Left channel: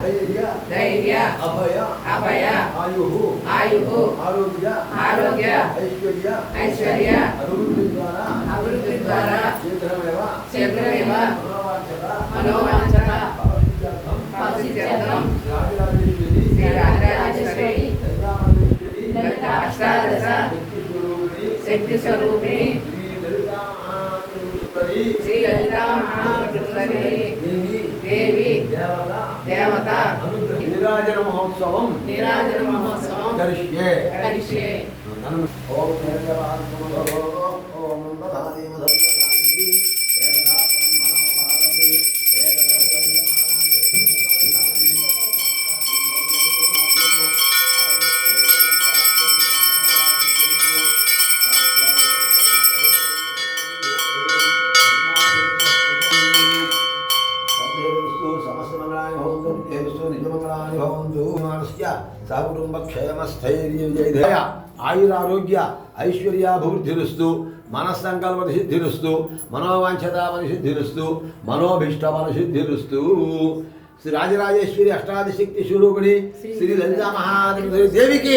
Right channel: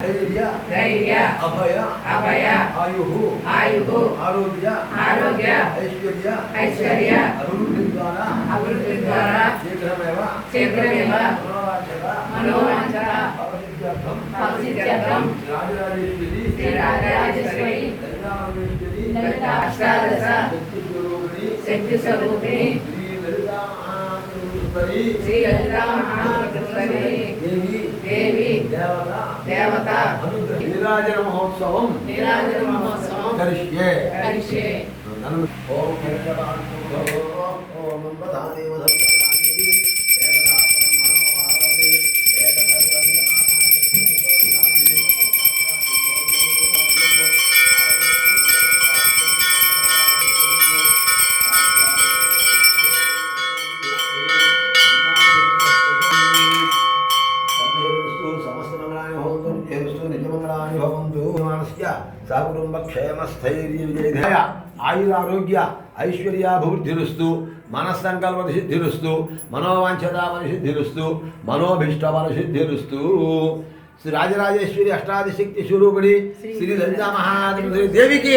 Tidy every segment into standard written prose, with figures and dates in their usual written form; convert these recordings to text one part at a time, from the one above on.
ధైర్య ధైర్య అభయ అభయ ఆయు ఆయు ఆరోగ్య ఆరోగ్య ఐశ్వర్య ఐశ్వర్య అభివృద్ధి ద్వారా శీఘ్రమేవ మనోవాంఛన భవసిద్ధ్యర్థం రాజరాజేశ్వరి శ్రీ రాజరాజేశ్వరి లలితామహేశ్వరి అష్టాదశ శక్తి స్వరూపిణి శ్రీ లలితా మహాత్రి దేవి దేవత నీరాజన మహోత్సవం కరిష్యే ఓం ఓం పదాదేవ సకుటుంబక్షయమస్థైర్యవిజయధేయ ఆయురారోగ్య ఐశ్వర్యాభివృద్ధిరుస్తు మనస్సంకల్పసిద్ధిరుస్తు మనోవాంఛతామనిసిద్ధిరుస్తు మనోభీష్టమనసిద్ధిరుస్తు శ్రీ రాజరాజేశ్వరి అష్టాదశక్తి స్వరూపిణి శ్రీ లలితా మహాత్రి దేవికి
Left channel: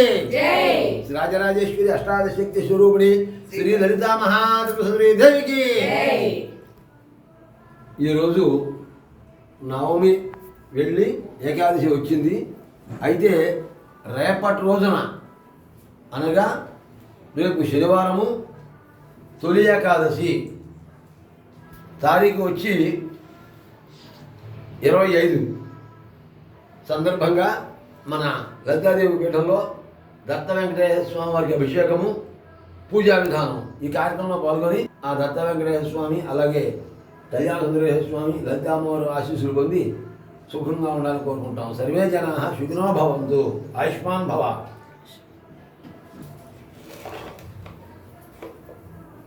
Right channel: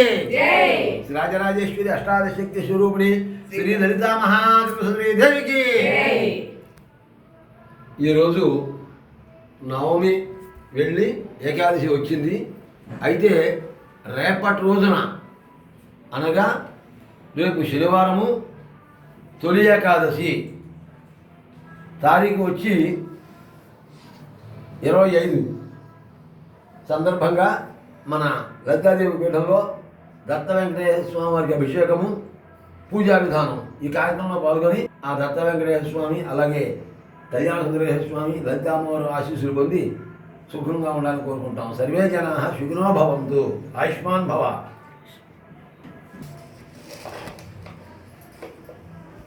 శ్రీ రాజరాజేశ్వరి అష్టాదశక్తి స్వరూపిణి శ్రీ లలితా మహాత్రి దేవికి. ఈరోజు నవమి వెళ్ళి ఏకాదశి వచ్చింది. అయితే రేపటి రోజున అనగా రేపు శనివారము తొలి ఏకాదశి తారీఖు వచ్చి 25 సందర్భంగా మన లలితాదేవి పీఠంలో దత్త వెంకటేశ్వర స్వామి వారికి అభిషేకము పూజా విధానం ఈ కార్యక్రమంలో పాల్గొని ఆ దత్త వెంకటేశ్వర స్వామి అలాగే కళ్యాణ సుందరేశ్వర స్వామి లలితామ్మవారు ఆశీస్సులు పొంది సుఖంగా ఉండాలని కోరుకుంటాం. సర్వే జనాః సుఖినో భవంతు. ఆయుష్మాన్ భవ.